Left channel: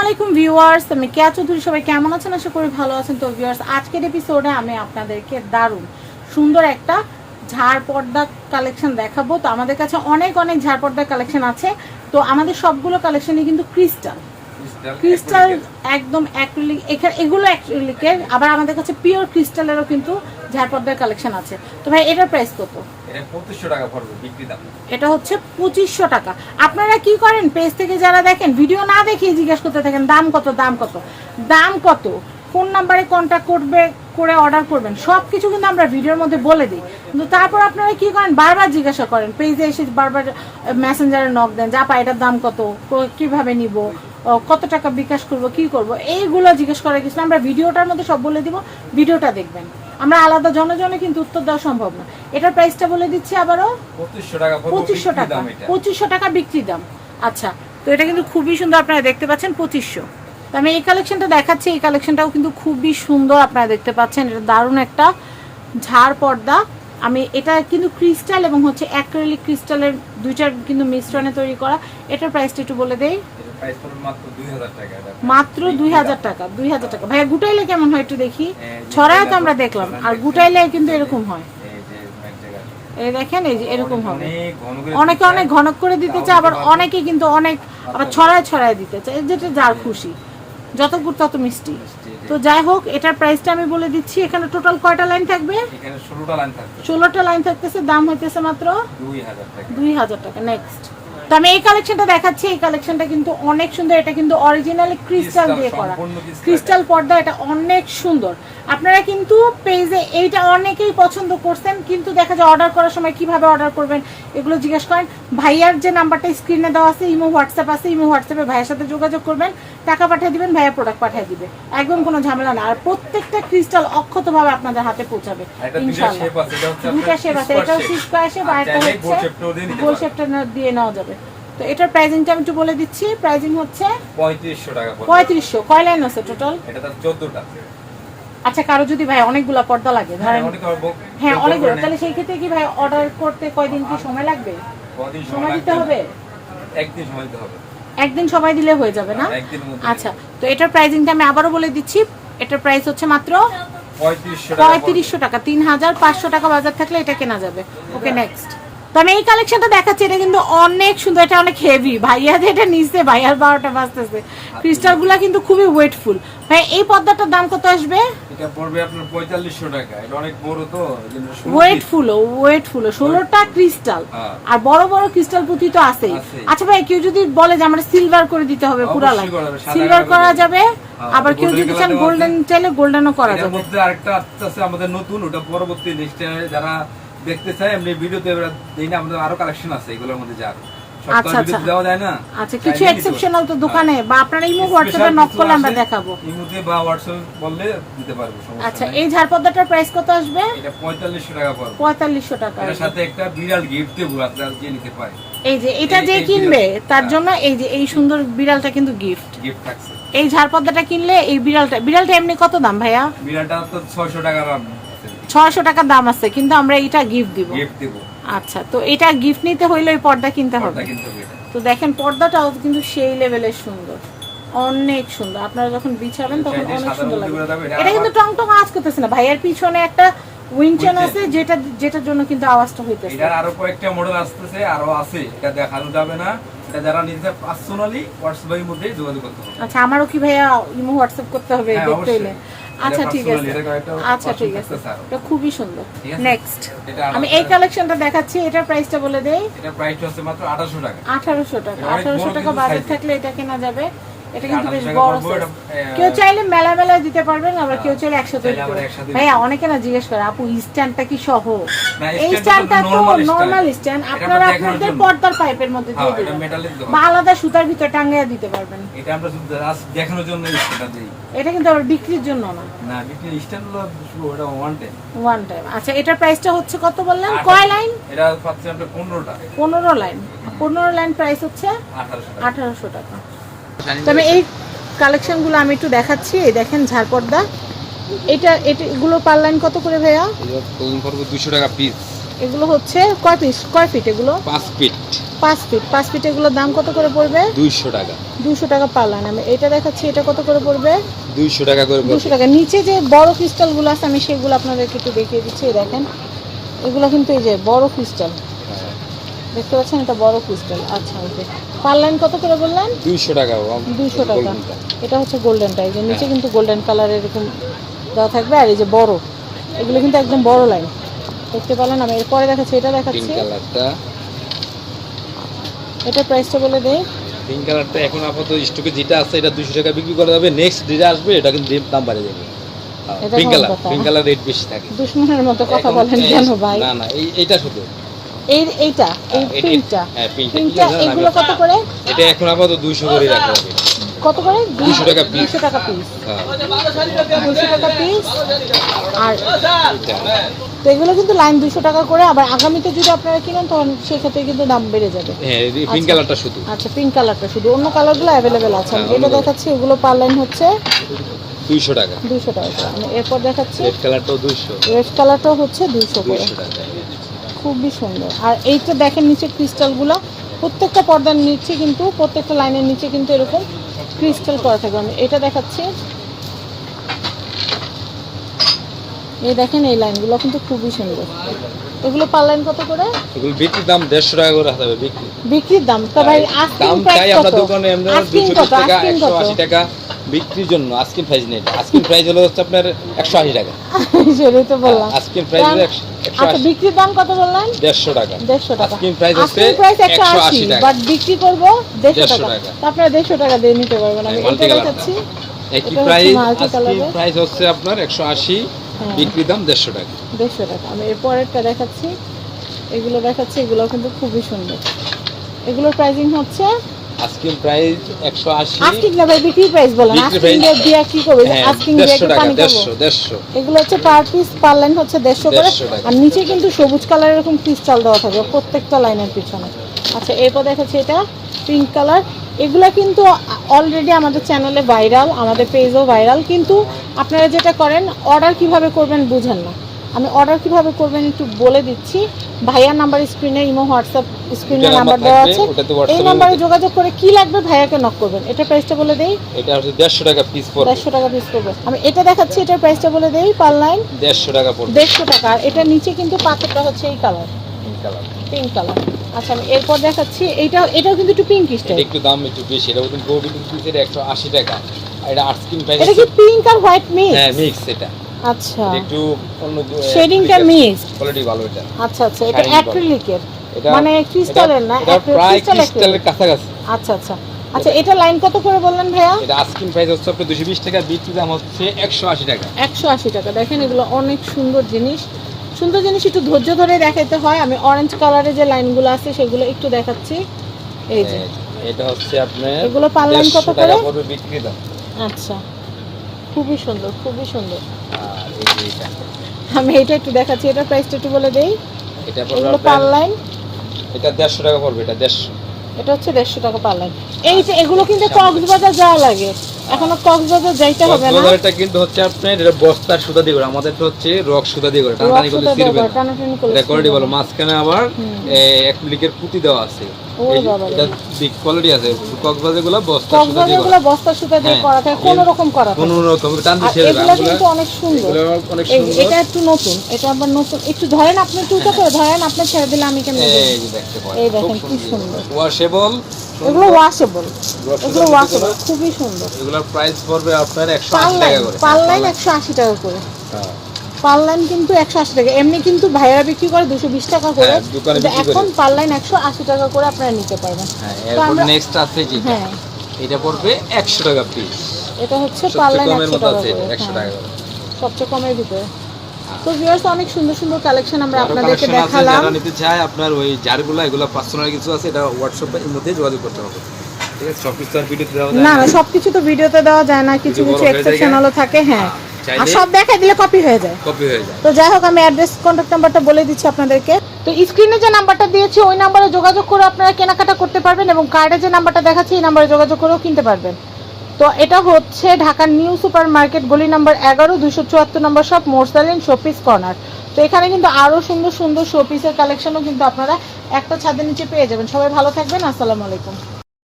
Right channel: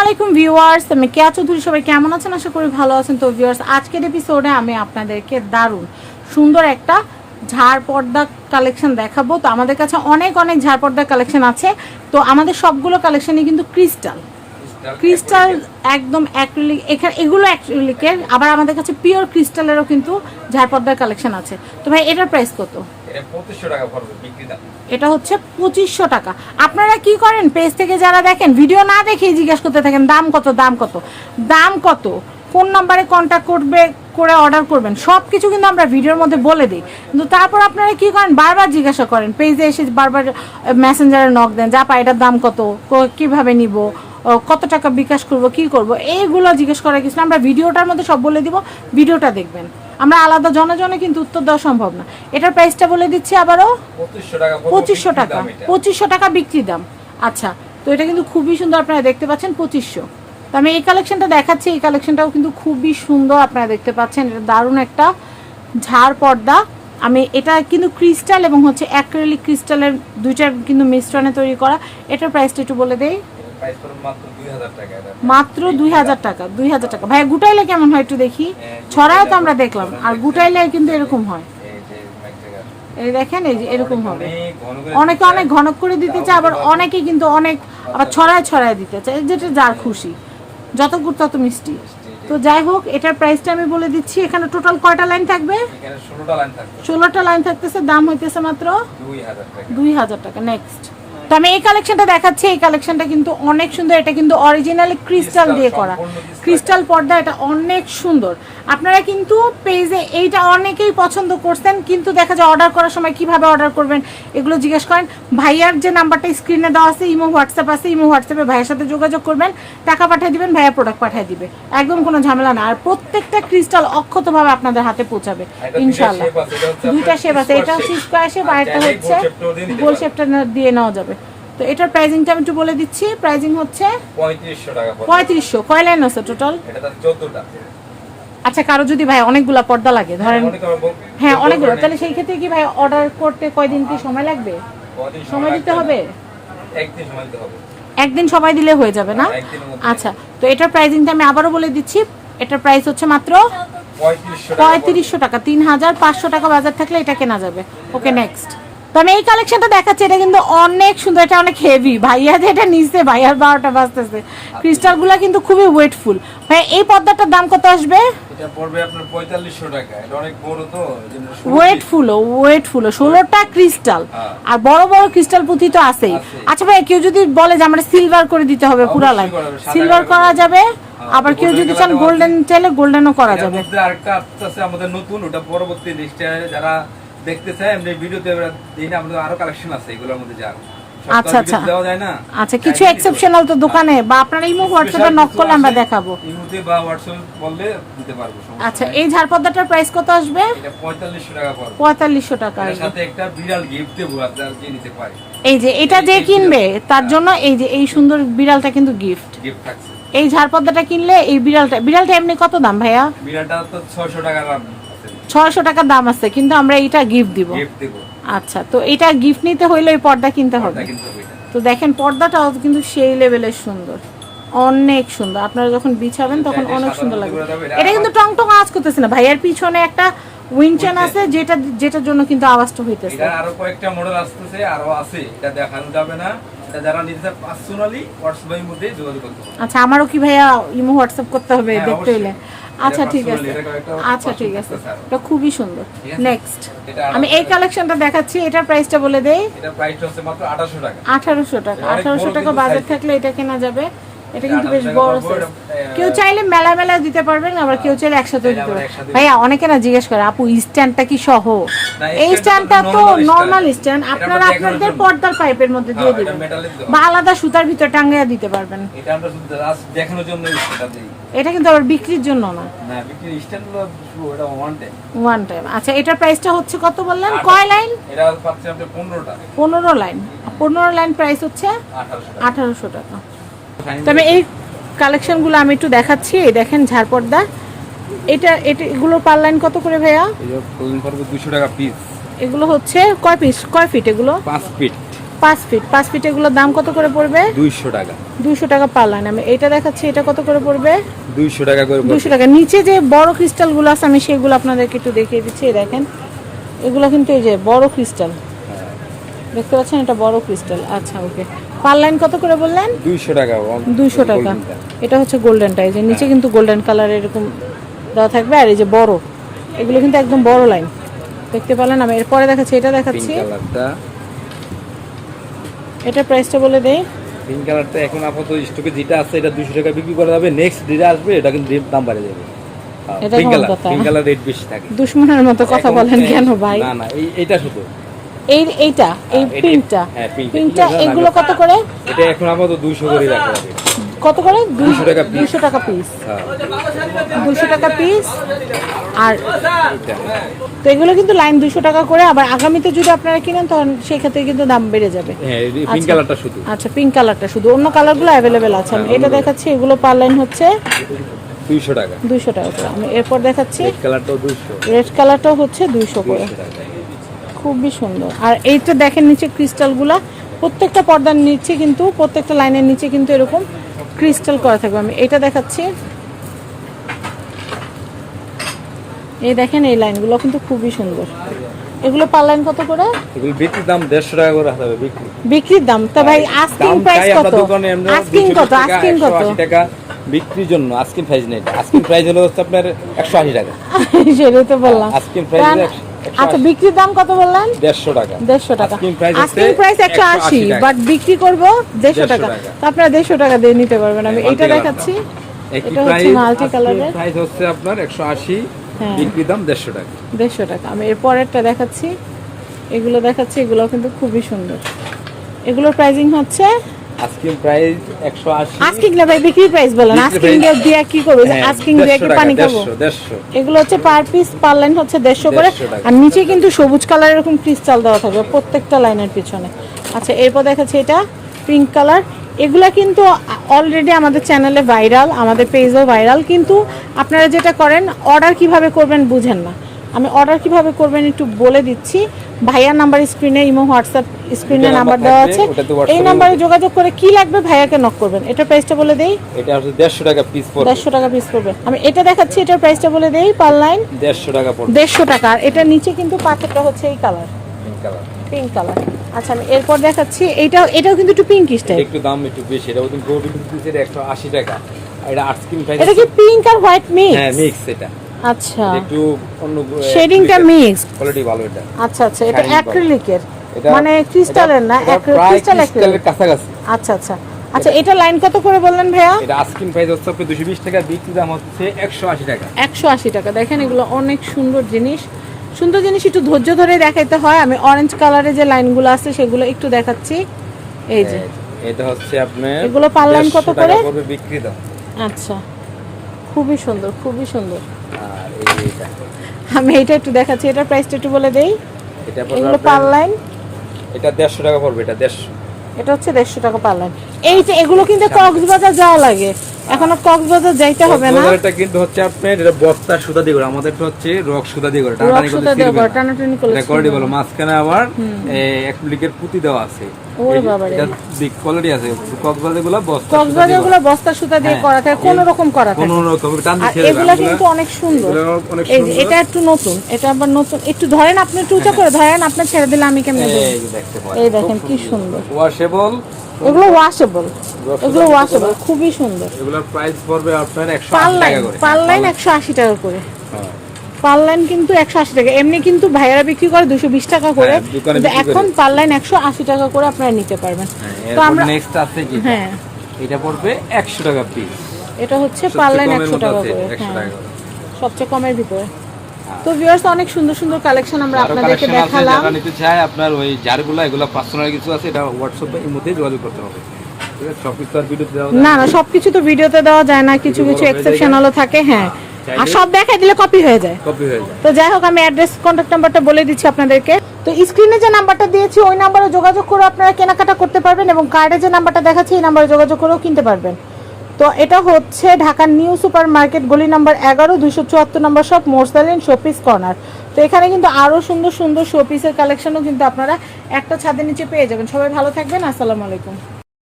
আলাইকুম ভিউয়ার্স আমি কেয়া চৌধুরী সবাই কেমন আছেন? আশা করি ভালো আছেন। তো ভিউয়ার্স, আজকের এপিসোডে আমি আপনাদেরকে দারুণ সুন্দর একটা ঝাড় পর্দা কালেকশন দেখাবো। তো আমাদের কাছে অনেক অনেক ঝাড় পর্দা কালেকশন আছে। তো আমাদের সবগুলো কালেকশনই কিন্তু ক্রিস্টাল ক্রিস্টাল একদম অ্যাক্রিলিক এখানে এগুলো অ্যাক্রিলিকের আবার আমাদের কাছে পিওর ক্রিস্টালেরও কিন্তু ঝাড় পর্দার কালেকশন আছে। তো ভাই এটার প্রাইস কত? এটা হচ্ছে পঁচিশশো টাকা। আপনারা কি করেন? পেজ থেকে যারা দেখেন ভিডিও না দেখেই জিজ্ঞেস করতে থাকেন দাম কত দাম কত? দাম কত? ফোন নাম্বারে কন্ট্যাক্ট করবে করে অর্ডার করবেন। সব কিছু কিন্তু আমরা ভিডিওর মধ্যে বলে দিই। কিন্তু তারপর আপনারা কি করেন? বারবার জিজ্ঞাসা করেন। পেজে এসে বারবার মেসেঞ্জারে নক দেন যা পা এটার দাম কত? কীভাবে নিব? কত টাকা বিকাশ করব কি করব এইগুলো জিজ্ঞেস করা কিছু আমরা ভিডিওটার মধ্যে সব বলে দিব ভিডিওটা দেখবেন। আমরা আলাদা জনে জনে কিন্তু উত্তর দেওয়া সম্ভব না। এটার প্রাইসটা বলে দিচ্ছি আবারও। পঁচিশশো টাকা পঁচিশশো টাকা। বিক্রি দাম। আচ্ছা তো এটা কিন্তু খুবই সুন্দর আপনারা দেখতে পাচ্ছেন পঁচিশশো। তো আমি এই কালেকশনটা দেখাচ্ছি এই কালেকশনটাও কিন্তু খুবই সুন্দর আপনারা দেখতে পাচ্ছেন। এটা দারুণ একটা ঝাড় পর্দা। আমি এটা কিন্তু ক্রিস্টাল এবং হচ্ছে অ্যাক্রেলিক ক্রিস্টালের দুইটার কিন্তু মিশ্রণে তৈরি করা। এটার প্রাইসটা একটু বলে দেই। মাত্র দুই হাজার টাকা দুই হাজার টাকা ভাইয়া গুটাইলে কেমন হয় একটু দেখি? হ্যাঁ, ছড়ায় তো আমরা দেখলাম। আর গুটাইলে কিন্তু এরকম হয়। এই দেখেন এই যে এরকম হবে। অনেক ঘন অনেকে। ঘনক করে দিতে চায় আবার অনেকে কিন্তু অনেক আবার ছড়ায় ছড়ায় দিতে চায়। যেটা যার খুশি। যত গুড় তত মিষ্টি। তো যাই হোক এটার প্রাইসটা আমি বলে দিচ্ছি। এখানে টোটাল কয়টা লাইন থাকবে? ষোলোটা লাইন থাকতেছে দাম হইতেছে মাত্র দুই হাজার টাকা। নেক্সট তো আমি এই কালেকশনটা দেখাচ্ছি, এই কালেকশনটা কিন্তু অনেক সুন্দর, এটা কিন্তু অরিজিনালি ক্রিস্টাল দিয়ে করা। ক্রিস্টাল পর্দা এটা অনেক সুন্দর। আপনারা কিন্তু পেজে এইটা অনেকেই পছন্দ করছেন কিন্তু দেখা যায় অর্ডার করার সময় কীভাবে অর্ডার করবেন এগুলো জিজ্ঞেস করেন। ভাইয়ার যে নাম্বারটা স্ক্রিনে দেওয়া আছে ইমো হোয়াটসঅ্যাপ আছে ইমো হোয়াটসঅ্যাপে ভাইয়ের সাথে যোগাযোগ করবেন টাকা পাঠিয়ে দিবেন ভাইয়া প্রোডাক্ট পাঠিয়ে দিবে। একদম কোনো ঝামেলা না। আর প্রত্যেকটা ক্রিস্টাল অক্ষতভাবে আপনাদের হাতে পৌঁছাবে ইনশাআল্লাহ। আছে, এটা হচ্ছে দুইটা শেপ আছে এটা shape। স্কোয়ার শেপ আর আর হচ্ছে গোল। শেপটা দিয়ে নেওয়া যাবে। তো এটার প্রাইজিংটা আমি একটু বলে দিচ্ছি। প্রাইজিং হচ্ছে পঁয়ত্রিশশো টাকা পঁয়ত্রিশশো। কয় লাইন আছে টোটাল এটা তার চোদ্দটা। আচ্ছা কারও যদি ভাই অনেকগুলা পর্দা লাগে ধরেন আবার বক- হ্যাঁ অনেকগুলো। তাহলে সেই ক্ষেত্রে কি ভাই অর্ডার করতে কয়দিন কি সময় লাগবে? সময় দিতে হবে? একদিন সময় দিতে হবে। একদিন সময় দিলে হয়ে যাবে না? হ্যাঁ। আচ্ছা তো এটার প্রাইজিংটা আমি আবারও বলে দিচ্ছি। এটার প্রাইস হচ্ছে মাত্র। পঁয়ত্রিশশো টাকা তিন হাজার পাঁচশো টাকা বাজার থাকলে এটা কেনা যাবে। ওকে নেক্সট তো আমি এই কালেকশনটা দেখাচ্ছে এটা কিন্তু অনেক সুন্দর এটা অনেক হেভি ভাইয়া যে এটা নিচে ভাইয়ার বারোটা বাজতেছে। ক্রিস্টালগুলা কিন্তু খুবই ওয়েটফুল হ্যাঁ এই পর্দাটার দাম কত আসবে? এটা পড়বে আপনার পঁয়তাল্লিশশো টাকা। এটা অনেক বড় তো এই জন্য ষোলো ওয়েটফুল ক্রিস্টাল হ্যাঁ। আর বড় বড় ক্রিস্টাল পুঁথি তো আছেই। আচ্ছা ভাই কেউ যদি বলে যে আমরা সিলভার করে দিতে হবে পুরা লাইন সিলভার করা যাবে। হ্যাঁ, আবার কেউ যদি চান গোল্ডেন চাইলে গোল্ডেনও করা যাবে। মধ্যে আরেকটা আসতেছে আমাদের নতুন ওটা পরবর্তী যারা দেখতে চায় এমনি ভিডিওতে এবার দিই না আমাদের আরও কালেকশন আছে এগুলোর মধ্যে আর আচ্ছা, আচ্ছা। দেওয়া যায় না? আচ্ছা কিছু এক্সেপশনাল তো দোকানে বা আপনারা ইমো হোয়াটসঅ্যাপে নক করলে আমরা দেখাবো। ইমুতে বা হোয়াটসঅ্যাপ বললে দিতে পারব আচ্ছা এই ঝাড়পদ্মাটার প্রাইস কত আসবে? এটা পঁয়তাল্লিশশো টাকা পড়বে। পঁয়তাল্লিশশো টাকা। এটার সাথে একটা বিড়াল গিফট দেবো আপনারা যে নিতে পারে এই যে এটা যে কিনবে তার জন্য এই যে এই সুন্দর বিড়ালটা কিন্তু গিফট গিফট থাকছে। এই ঝাড়পদ্মাটা কিনলে এই বিড়ালটা বিড়ালটা এমনি কত দাম ভাইয়া? বিড়ালটা তো ছয়শো টাকা ছয়শো টাকা দাম আছে কিন্তু আমরা এটা গিফট দিব। আচ্ছা তো এটা গিফট নিতে হইলে ওই পর্দা কিনতে হবে? এটা। তো দেখেন পর্দাটাও কিন্তু সেই লেভেলের সুন্দর। অনেক সুন্দর। আপনারা যখন বিছাবেন তখন অনেক সুন্দর লাগবে এটা এটা কিন্তু টং টং আওয়াজ করতেছে না। ভাইয়ার পিছনে একটা উইনচেন আছে যেটা যেটার জন্য কিন্তু আওয়াজটা হইতেছে। এটার আরও কয়েকটা মডেল আসতেছে আরও আছে। এটা দেখানো যাবে না। এটা যারা নিতে চায় পার্সোনালি হোয়াটসঅ্যাপের মধ্যে যোগাযোগ করতে হবে। আচ্ছা আমারও কি ভাইয়া ইমো হোয়াটসঅ্যাপ করতে হবে হ্যাঁ, দেখতে হলে? এটা আচ্ছা ঠিক আছে। এটা আচ্ছা ঠিক আছে। এটা খুবই সুন্দর। নেক্সট আমি এই কালেকশনটা দেখাচ্ছি এটার প্রাইসটা বলে দেই। এটার প্রাইসটা হচ্ছে মাত্র 1800 টাকা। আঠারোশো টাকা। এটা অনেক আঠারোশো বড় টাকা বাজেট থাকলে এটা কেনা যাবে। এটা কিন্তু বেশ বড় কেউ চাইলে মেলা মেলা দিতে পারবেন আবার কেউ চাইলে একসাথে ভাইয়া অনেকে না জিজ্ঞেস করে আপু স্ট্যান্ডটা কি সহ? এই স্ট্যান্ডটা তো। Normal stand. আপনারা আপনাদের পর্দার পাইপের মধ্যে দিয়ে হ্যাঁ, দিবেন। বা আলাদা সুতার ভিতর টাঙ্গাইয়া দিতে পারবেন। এটা আমরা শুধু দেখানোর জন্য এটা কিন্তু আবার বিক্রির জন্য না। না বিক্রি ওটা ওয়ান টাইম ওয়ান টাইম আচ্ছা এটার প্রাইসটা হচ্ছে কত বললেন? কয় লাইন এটা পাচ্ছি আমরা পনেরোটা। পনেরো লাইন পনেরো লাইন প্রাইস হচ্ছে আঠারোশো টাকা। আঠারোশো টাকা। তবে এই কালেকশনগুলো আমি একটু দেখাচ্ছি। এই দেখেন ঝাড়পর্দা। এটা এগুলো পার লাইন কত করে ভাইয়া? দুশো টাকা পিস এগুলো হচ্ছে কয় পিস কয় ফিট এগুলো? পাঁচ ফিট পাঁচ ফিট পাঁচ ফিট এগুলোর দাম কত করে পড়বে? দুইশো টাকা। দুশো টাকা পার লাইন আমি এটা দেখাচ্ছি এটা কত করে পড়বে? দুইশো টাকা করে। দুশো টাকা। নিচে যে বড় ক্রিস্টালগুলো আছে আমি সেগুলো আপনাদেরকে একটু দেখিয়ে দিচ্ছি। এই দেখেন এগুলো কিন্তু এই যে বড় ক্রিস্টাল দেখতে পাচ্ছেন? এটা বড় ক্রিস্টাল আচ্ছা ওকে পার লাইন কত করে বললেন? দুইশো টাকা দুইশো টাকা। এটা হচ্ছে গোল্ডেনটা এই যে নিচে কিন্তু গোল্ডেন কালার এরকম দেওয়া থাকবে আর এই যে বড় এগুলো কিন্তু একদম বড় লাইন। দেখতে পেলেন আমি এরপরে দেখাচ্ছি এটা দেখাচ্ছি। এটা প্রাইসটা বলে দেই। পিঙ্ক কালারটা এখন আপাতত স্টকে যেটা আছে এটা দুশো টাকা বিক্রি করা যাবে। নেক্সট যেটা আসবে এটা কিন্তু দাম বাড়ে যাবে। Pink colour pink colour rate বেশি থাকে। দুশ্মনের মতো কথা বলেন কেন ভাই? না না এইটা শুধু। এই এইটা এই এটা- পিঙ্কটা হ্যাঁ, পিঙ্কটা। এগুলো কত করে? এটা এখন আপাতত দুইশো করে রাখা কত করে? 200 টাকা piece। দুশো টাকা পিস হ্যাঁ। দুশো টাকা পিস আর তো এগুলো কিন্তু লাইন দুশো টাকা করে। আবার আগামীতে যদি আপনারা কিনেন তখন সেই ক্ষেত্রে কিন্তু দাম বেড়ে যাবে। হ্যাঁ পিঙ্ক আচ্ছা। কালারটা শুধু। আচ্ছা পিঙ্ক কালারটা শুধু। অন্য কালারগুলো অ্যাভেলেবেল আছে। আমি হ্যাঁ, এটা দেখাচ্ছি এগুলো পার লাইন হচ্ছে দুইশো টাকা। দুইশো টাকা করে। আমি এরপর দেখাচ্ছি রেড কালারটাও দুইশো। রেড কালারটাও হচ্ছে দুইশো করে। দুইশো টাকা। খুবই সুন্দর। আর এইটা দেখেন নিচে ক্রিস্টালগুলো প্রত্যেকটা পর্দার নিচে কিন্তু প্রত্যেকটা লাইনের নিচে কিন্তু এরকম ক্রিস্টাল করা থাকবে। আমি এটা দেখাচ্ছি। এই দেখেন এই লাইনগুলো কিন্তু খুবই সুন্দর। এগুলো পার লাইন কত করে? এগুলো বিক্রির দাম দেড়শো টাকা করে হবে বিক্রি। বিক্রির দাম? তো ভাই আস্কিং প্রাইস কত? আস্কিং কত? টাকা আস্কিং কত? আশি টাকা। বিক্রির জন্য আস্কিন প্রাইস নেই। আস্কিন প্রাইস হলো হচ্ছে আপনার একশো আশি টাকা। সেটাই তো বললাম। আস্কিন প্রাইস হলো আচ্ছা বিক্রির দাম কত বললেন? দেড়শো টাকা। দেড়শো টাকা। আস্কিং প্রাইস হচ্ছে প্রাইস একশো আশি 180 বাট বিক্রি করব দেড়শো 150 টাকা। তো আপনারা দেড়শো টাকা দিয়ে নিতে পারবেন। আমি হ্যাঁ, এটা দেখাচ্ছি। একই প্রাইস multi প্রাইস হচ্ছে আপনার একশো আশি হ্যাঁ। বিক্রির দাম দেড়শো টাকা। দেড়শো টাকা। আমি এর একটা দেখাচ্ছি। এগুলো দেখাচ্ছি এগুলো কিন্তু খুবই সুন্দর। এগুলোর প্রাইসিং হচ্ছে আস্কিং প্রাইস একশো আশি। আস্কিং না ভাই বিক্রি প্রাইস বলেন বিক্রি আস্কিং price- দিয়ে কি করব? হ্যাঁ আস্কিং দিয়ে কি পানি খাব। দেড়শো দেড়শো। এগুলো হচ্ছে পার পিস পার লাইন হচ্ছে দেড়শো করে। আর নিচে কিন্তু সবুজ কালার এরকম ক্রিস্টাল দেওয়া থাকবে প্রত্যেকটা লাইনের পিছনে। আচ্ছা এরপর দেখাচ্ছি এটা পিঙ্ক কালার এগুলা কিন্তু অলরেডি আমাদের চ্যানেলে ভাইরাল আমাদের পেজও ভাইরাল কিন্তু আপনারা যেটা করেন অর্ডার কীভাবে করবেন বুঝেন না। আমি অর্ডার কীভাবে করবেন একটু বলে দিচ্ছি। ভাইয়ার নাম্বার স্ক্রিনে ইমো হোয়াটসঅ্যাপ স্ক্রিনে নাম্বার দেওয়া আছে। এই নাম্বারে যোগাযোগ করে কি লাগবে ভাইয়াকে নক করবেন। এটা প্রাইসটা বলে দেই। এটা হচ্ছে দেড়শো টাকা পিস পড়বে। দেড়শো টাকা পিস করবে আমি এটা দেখাচ্ছি এটার প্রাইসটা বলে দেই পার লাইন দেড়শো টাকা পড়বে। দেড়শো টাকা। আর এটা নিচে কিন্তু পাথরটা হচ্ছে এই colour pink colour pink colour আচ্ছা আমি এরপর দেখাচ্ছি এইটা এটাও কিন্তু একটু পিঙ্ক স্টাইল একটু দাম একটু বেশি এটা কিন্তু গোবি কিন্তু এটা একশো আশি টাকা। আর এটা আস্কিং প্রাইস এটা কি পিঙ্ক আর হোয়াইট মিক্স হ্যাঁ মিক্স এটা। আচ্ছা। একটু অন্য শেডিংটা মিক্স কোয়ালিটি ভালো এটা। আচ্ছা আচ্ছা এটা অ্যাক্রিলিকের মানে ক্রিস্টালের না? এটা প্রায় ক্রিস্টাল ক্রিস্টালের কাছাকাছি। আচ্ছা আচ্ছা। আচ্ছা এটা লাইন কত করে বললেন ভাইয়া? এটা আস্কিং প্রাইস হচ্ছে দুশো বিশ টাকা বিক্রি দাম হচ্ছে একশো আশি টাকা। একশো আশি টাকা। দেখেন এগুলো অনেক সুন্দর জিনিস। সুন্দর জিনিস একটু ধৈর্য ধরে দেখাইতে হয়। আমি অরেঞ্জ কালারের যে লাইনগুলো আছে সেগুলো একটু দেখাচ্ছি। এই যে। এটা হচ্ছে আপনার এগুলো লাইন কত করে? বিক্রি দাম। আচ্ছা। খুবই সুন্দর খুবই সুন্দর। আমি এটা একটু দেখাচ্ছি এটা প্রাইসটা একটু বলে দেই। এটা এগুলো পার লাইন এটা দেড়শো টাকা পড়বে এটা দেড়শো। এটা হচ্ছে দেড়শো টাকা পার লাইন এই যে এগুলো কিন্তু কক্সবাজার যাওয়া লাগে। এখনও কক্সবাজার যাইতে হবে না। কক্সবাজারটা কিন্তু হচ্ছে আপনার এটা বস্তার সুতা দিয়ে করে আমাদের তো হচ্ছে রক সুতা দিয়ে করে টানাটানি। টানাটানি করলে এটা ভালো মাঝখানে আবার অ্যাক্রিলিকের পুঁতি দেওয়া আছে। এটা কোয়ালিটি আছে। বস্তা সুতা দিয়ে হ্যাঁ। করা থাকে কোনো রকম করা থাকে। কোন রকম টান দিয়ে এগুলো কিন্তু অনেক সুন্দর। এই এটা একটু নতুন এটা আবার নতুন। একটু ধরেন আপনি একটু উঁচা করে ধরেন আপনি ছেড়ে দিলে আমি কেমন এই যে দেখতে পারেন এই দেখেন কি সুন্দর। ওয়াশেবল ওগুলো ওয়াশেবল এগুলো ওয়াশেবল খুবই সুন্দর। এগুলোর প্রাইস পড়বে আপনার টাকা করে। পার লাইন একশো আশি টাকা করে। পার লাইন কিন্তু একশো আশি টাকা। এমনি কিন্তু ভাইয়ারা বিক্রি করে দুশো বিশ টাকা করে। হ্যাঁ। এখন পার লাইন একশো আশি টাকা করে আপনারা নিতে পারবেন। হ্যাঁ তো আমরা নেক্সট আছে যেটা হ্যাঁ। এটা পড়বে একশো টাকা পিস এটা হচ্ছে পার লাইন একশো টাকা করে একশো হ্যাঁ, টাকা। সবচেয়ে কমের ভিতরে। তো ভিউয়ার্স অনেক সুন্দর সুন্দর কালেকশন আমরা আপনাদেরকে দেখালাম। যারা নিতে চায় আপনার ওই জারগুলো এগুলো পার্সোনাল কিছু আছে এটা হোয়াটসঅ্যাপে এর মধ্যে যোগাযোগ করতে হবে। ঠিক আছে? আর ভিডিওতে দেওয়া না না। সবকিছু তো ভিডিওতে দেওয়া যায় না কিছু কিছু এক্সেপশনালও থাকে হ্যাঁ। আর সব দেখাই দিলে কপি হয়ে যায়। কপি হয়ে যায়। তো যাই হোক আমি অ্যাড্রেস কন্ট্যাক্ট নাম্বারটা বলে দিচ্ছি আপনাদেরকে। তো স্ক্রিনে যে নাম্বারটা দিয়েছি ওই নাম্বারে যোগাযোগ করে আপনারা কেনাকাটা করতে পারবেন এবং কার্ডে যে নাম্বারটা দেখাচ্ছি এই নাম্বারে যোগাযোগ করেও কিনতে পারবেন। তো এটা হচ্ছে ঢাকার নিউ সুপার মার্কেট গলি নাম্বার এগারো দুশো চুয়াত্তর নম্বর শপ মোরসালিন শপিস কর্নার তো এখানে কিন্তু আরও সুন্দর সুন্দর শো পিসের কালেকশনও কিন্তু আপনারা একটা ছাদের নিচে পেয়ে যাবেন। সবাই ভালো থাকবেন আসসালামু আলাইকুম।